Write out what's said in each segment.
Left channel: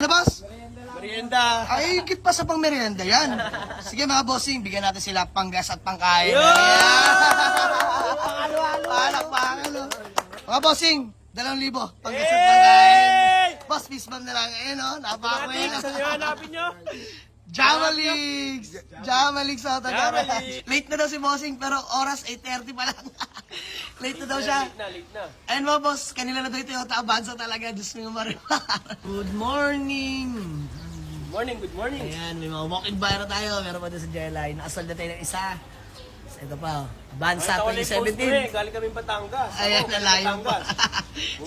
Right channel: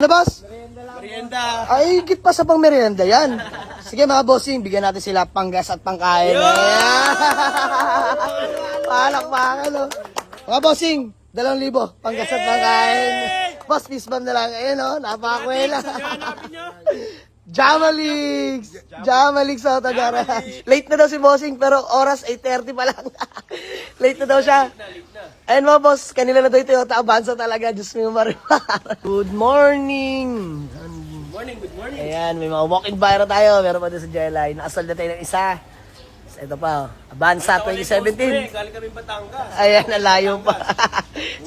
Ano, boss? Merienda. Ay, higit pa sa pang merienda yan. Sige mga bossing, bigyan natin sila panggas at pangkain. Palakpakan. Mga bossing, 2,000 panggas at pangkain. Boss, peace bomb na lang. Ayun o, napakakwela. Hanapin nyo. Jamalix! Jamalix sa Tagara. Late na daw si bossing, pero oras 8:30 pa lang. Late na daw siya. Late na. Ayun mga boss, kanila na daw yung Toyota Avanza talaga. Diyos mo yung marimar. Good morning! Good morning. Ayan, may mga walk-in buyer na tayo. Meron pa din sa Jelly. Nakasal na tayo ng isa. So, ito pa, Avanza 2017. Galing kami Batangas. Ayan, nalayo pa.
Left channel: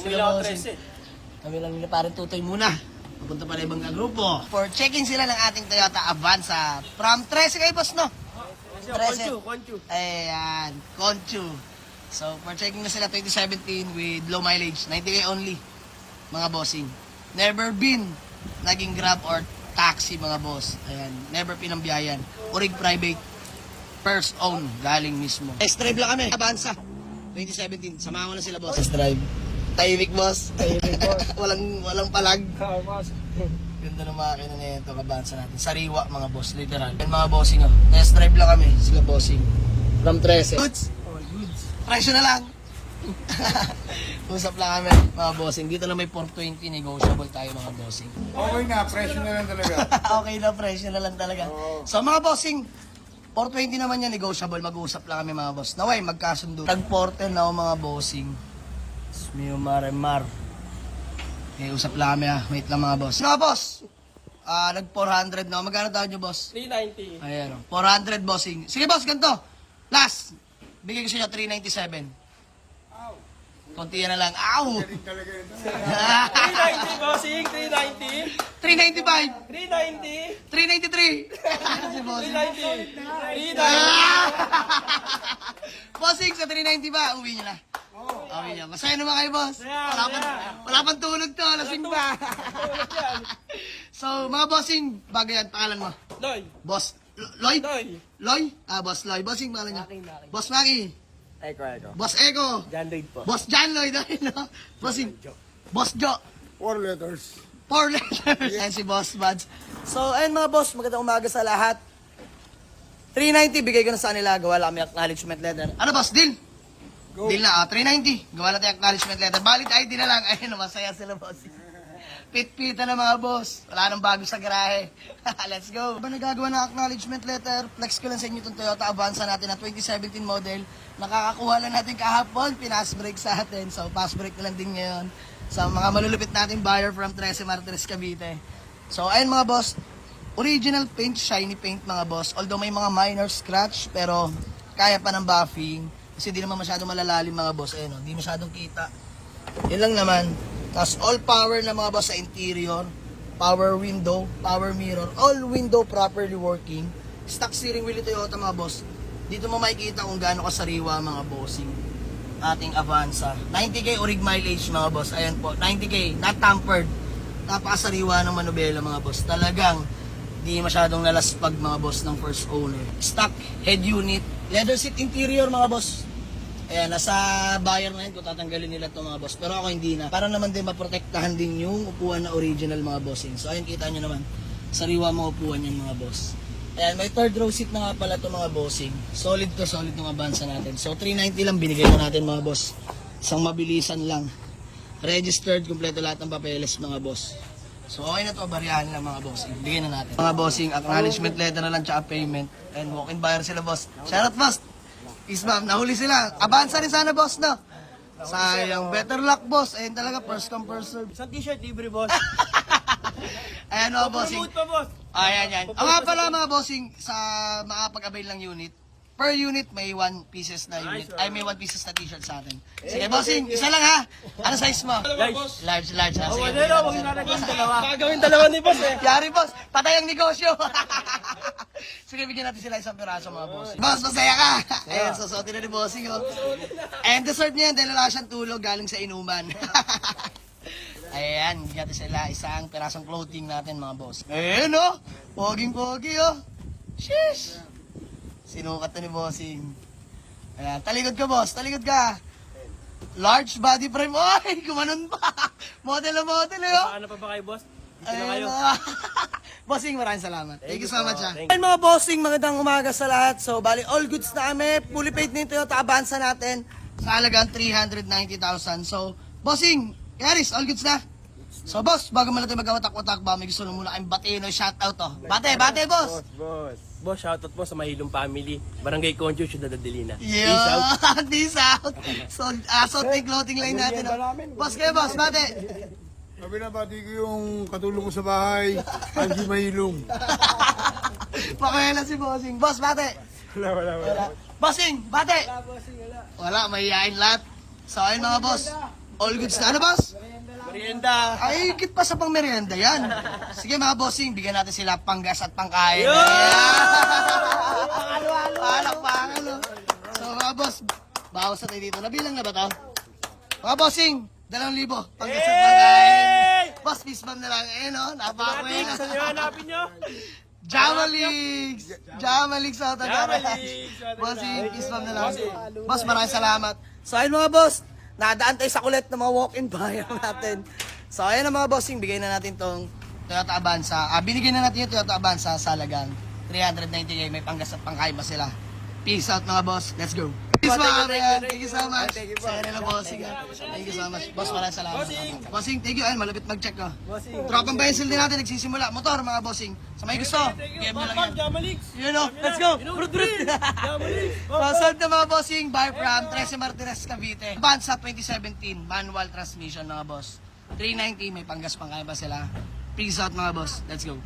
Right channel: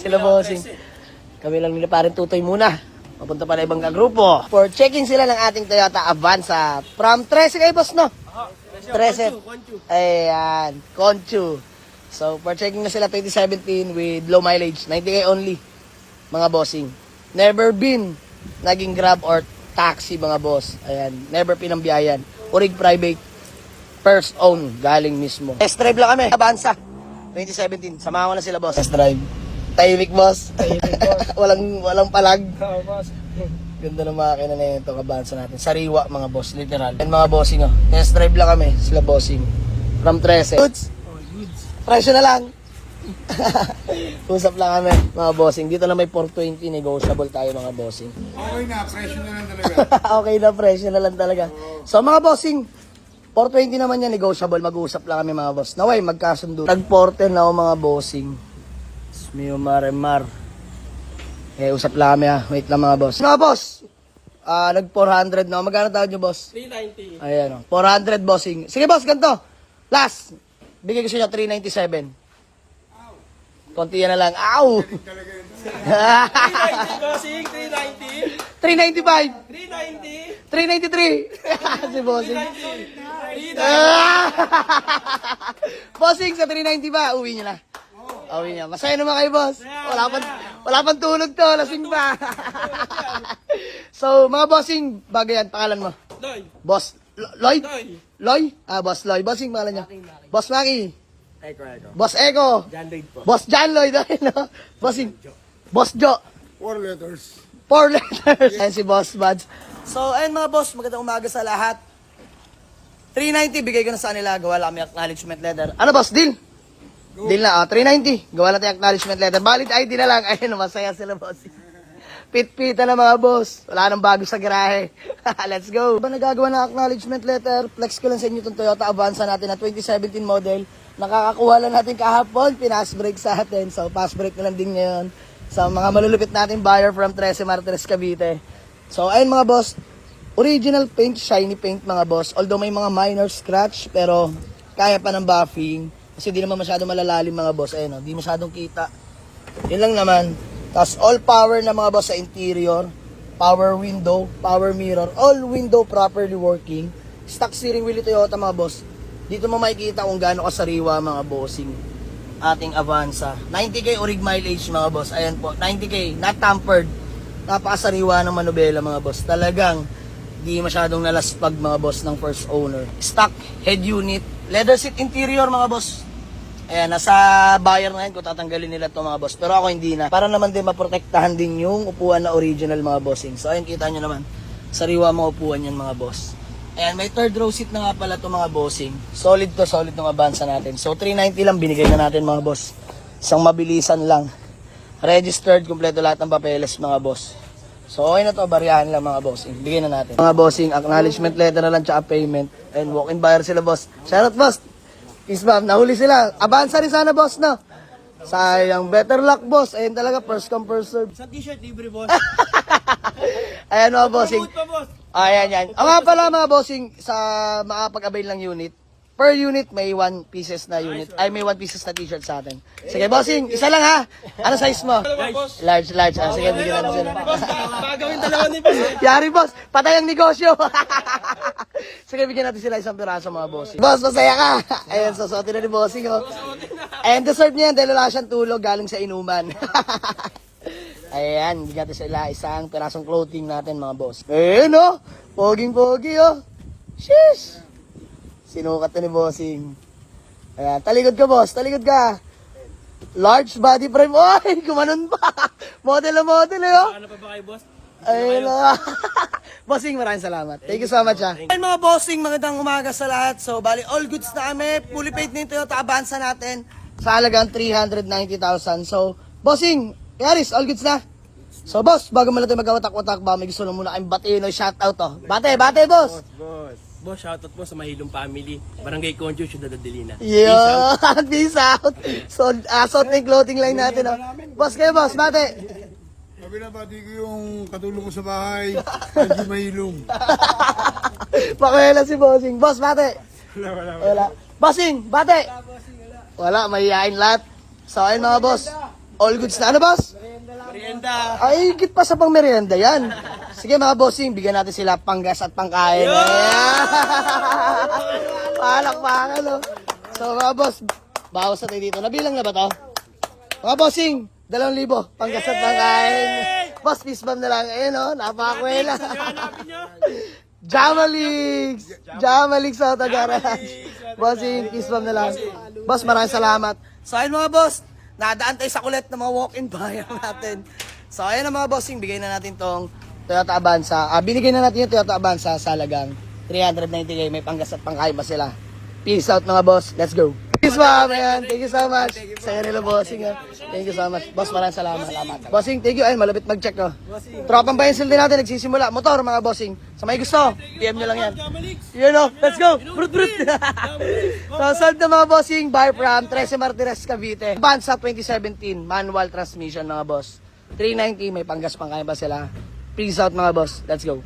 Sila Bumili ako bossing. 13. Kami lang nila parang tutoy muna. Papunta pa na ibang kagrupo. For checking sila ng ating Toyota Avanza. From 13 kayo, boss, no? 13. Conchu. Ayan, Conchu. So, for checking na sila 2017 with low mileage. 90K only, mga bossing. Never been naging grab or taxi, mga boss. Ayan, never pinambiyayan. Urig private. First own, galing mismo. Test drive lang kami. Avanza, 2017. Samahan ko na sila, boss. Test drive. Tahimik, boss. Tahimik, boss. walang palag. Boss. Ganda ng makina na yun itong Avanza natin. Sariwa, mga boss, literal. And mga bossing, oh. Test drive lang kami, sila bossing. From 13. Goods. Presyo na lang. Usap lang kami, mga bossing. Dito na may 420, negotiable tayo, mga bossing. Okay na, presyo na lang talaga. Okay na, presyo na lang talaga. So, mga bossing, 420 naman yan, negotiable. Mag-usap lang kami, mga boss. Naway, magkasundo. Nag-porter na ako, mga bossing. Mio Maremar. Usap lang kami, ha. Wait lang, mga boss. Mga boss, nag-400 na ako. Magkano tawad nyo, boss? 390. Ayan, 400 bossing. Sige, boss, ganito. Last. Bigay ko siya 397. Konti yan na lang. Ow! 390, bossing. 390. 395. 393. 390. Si bossing. 390. Bossing, sa 390 ba? Uwi niya na. Uwi niya. Masaya naman kayo, boss. Wala pang tulog to. Lasing pa. So, mga bossing, bagay yan. Pangalan mo. Loy. Boss. Lloyd? Loy. Loy? Boss Loy. Bossing, pangalan niya. Boss Maki. Eko. Boss Eko. John Lloyd po. Boss John Lloyd. No? Bossing. Boss Jo. 4 letters. 4 letters. Ayan si Boss Buds. So, ayun mga boss, magandang umaga sa lahat. 390, bigay ko na sa kanila. Gawa lang kami acknowledgement letter. Ano boss, deal? Go. Deal na, 390. Gawa natin acknowledgement letter. Valid ID na lang. Ayun, masaya sila boss. Pit-pita na mga boss. Wala nang bago sa garahe. Let's go. Ba nagagawa ng acknowledgement letter? Flex ko lang sa inyo itong Toyota Avanza natin na 2017 model. Nakakakuha lang natin kahapon. Pinas break sa atin. So, pass break na lang din ngayon. Sa mga malulupit natin buyer from 13 Martires, Cavite. So, ayun mga boss. Original paint, shiny paint mga boss. Although may mga minor scratch, pero kaya pa ng buffing. Kasi di naman masyadong malalalim mga boss. Ayun, di masyadong kita. Yun lang naman. Tapos all power na mga boss sa interior. Power window, power mirror. All window properly working. Stock steering wheel Toyota mga boss. Dito mo makikita kung gaano kasariwa mga bossing. Ating Avanza. 90K orig mileage mga boss. Ayan po, 90K. Not tampered. Napakasariwa ng manubela mga boss. Talagang di masyadong nalaspag mga boss ng first owner. Stock head unit. Leather seat interior mga boss. Ayan, nasa buyer na yan kung tatanggalin nila to mga boss. Pero ako hindi na. Para naman din maprotektahan din yung upuan na original mga bossing. So ayun, kita nyo naman. Sariwa mga upuan yan mga boss. Ayan, may third row seat na nga pala to mga bossing. Solid to, solid ng Avanza natin. So 390 lang binigay na natin mga boss. Isang mabilisan lang. Registered, kumpleto lahat ng papeles mga boss. So okay na to, bariyahan lang mga bossing. Bigyan na natin. Mga bossing, acknowledgement letter na lang tsaka payment. And walk-in buyer sila boss. Shoutout boss. Peace bomb, nahuli sila. Avanza rin sana boss no. Sayang, better luck boss. Ayun talaga, first come first serve. Isang t-shirt, libre, boss. Ayan mga bossing. Promote pa, boss. Ayan yan. Ang mga pala mga bossing sa makapag-avail ng unit. Per unit may 1 pieces na unit. Ay may 1 pieces na t-shirt sa atin. Sige bossing, isa lang ha. Ano size mo? Large. Sige, bigyan natin sila. Baka gawin dalawa ni boss eh. Yari boss, patay ang negosyo. Sige, bigyan natin sila isang piraso mga bossing. Boss, masaya ka. Ayan, susuotin na ni bossing. Oh. And dessert niya, dahil wala siyang tulog galing sa inuman. Ayan, bigyan natin sila isang pirasong clothing natin mga boss. Ayan oh, poging-pogi oh. Sheesh. Sinukat na ni bossing. Ayan, talikod ka boss, talikod ka. Large body frame. Oy, kumanon pa. Model na model eh oh. Ano pa ba kayo, boss? Ayun na. Bossing, maraming salamat. Thank you so much, ha. Thank Ayun mga bossing, magandang umaga sa lahat. So, bali, all goods na kami. Fully paid na yung Toyota Avanza natin sa halagang 390,000. So, bossing, Yaris, all goods na. So, boss, bago mo natin magkawatak-watak ba, may gusto lang muna kayong batiin o shoutout, to. Bate, boss. Boss, shoutout po sa Mahilong Family. Barangay Conjo, Ciudad Adelina. Peace out. Yeah, peace out. So, asot clothing line natin, ha. Boss kayo, boss, bate. Binabati ko yung katulong ko sa bahay, Angie Mahilong. Pakuela si bossing. Boss, bate. Wala. Bossing, bate. Wala, mahihain lahat. So, ayun mga boss. All goods na. Ano, boss? Merienda. Ay, higit pa sa pang merienda yan. Sige mga bossing, bigyan natin sila panggas at pangkain. Palak, no? So mga boss, bawas na tayo dito. Nabilang na ba tayo? Mga bossing, 2,000 panggas at pangkain. Boss, peace bomb na lang. Ayun, no? Napakakwela. Hanapin nyo. Jamalix sa Tagara. Bossing, peace bomb na lang. Boss, maraming salamat. So ayun mga boss, nadaan tayo sa kulit ng mga walk-in bayan natin. So ayun na mga bossing, bigay na natin tong Toyota Avanza. Binigay na natin yung Toyota Avanza sa halagang 390k. May panggas at pangkain pa sila. Peace out mga boss. Let's go. Peace ba, man. Thank you so much. Sa'yo nila bossing. Thank you so much. Boss, maraming salamat. Bossing, thank you. Ay, malapit mag-check ko. Tropang Pencil din natin. Nagsisimula. Motor mga bossing. Sa may gusto, PM nyo lang yan. You know, let's go. Brut. So, sold na mga bossing. Buy from 13 Martires, Cavite. Avanza 2017. Manual transmission mga boss. 390. May panggas pangkain pa sila. Peace out mga boss. Let's go.